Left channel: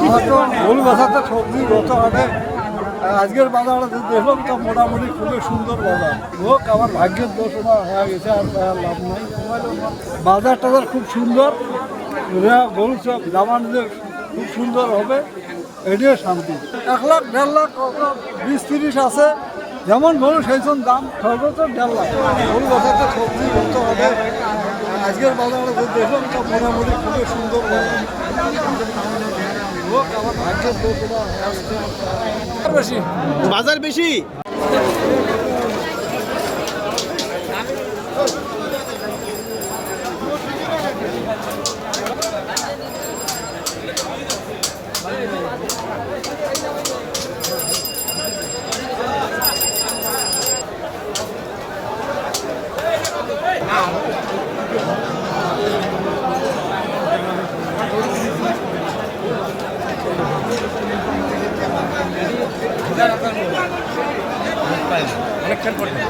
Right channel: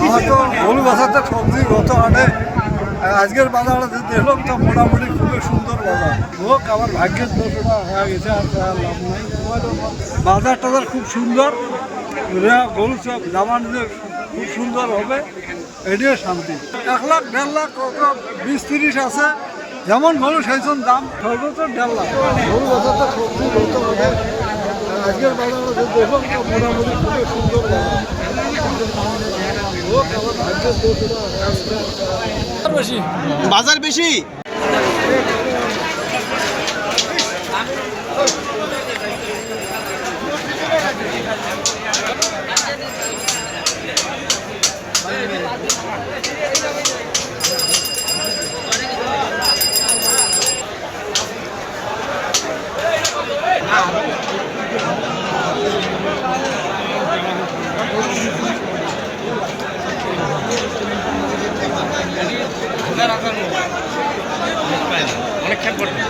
আমার তো গরু বাজারতে সবজি গত হাটে আজকের বাজারে দেখলাম তো মোটামুটি খুবই সুন্দর বাজার হোক আমার ভাগ্যের দোষটা হয়ে গেছে আর লাভ নাই। বাজার টাজার খুব সুন্দর, গরু সব জামানদের খুব সুন্দর হবে, এটিও শান্তি। 1 লাখ 1.5 লাখ 20-30 আছে, যেমন গরু সেইসব দাম, সর্বোচ্চ 1.5 লাখ। গরু বাজারটা সবজি গত হাটে আজকের বাজারে দেখলাম তো মোটামুটি খুবই সুন্দর বাজার হোক আমার ভাগ্যের দোষটা বেশি। বাজার বেশি। অনেক খেয়াল করবেন।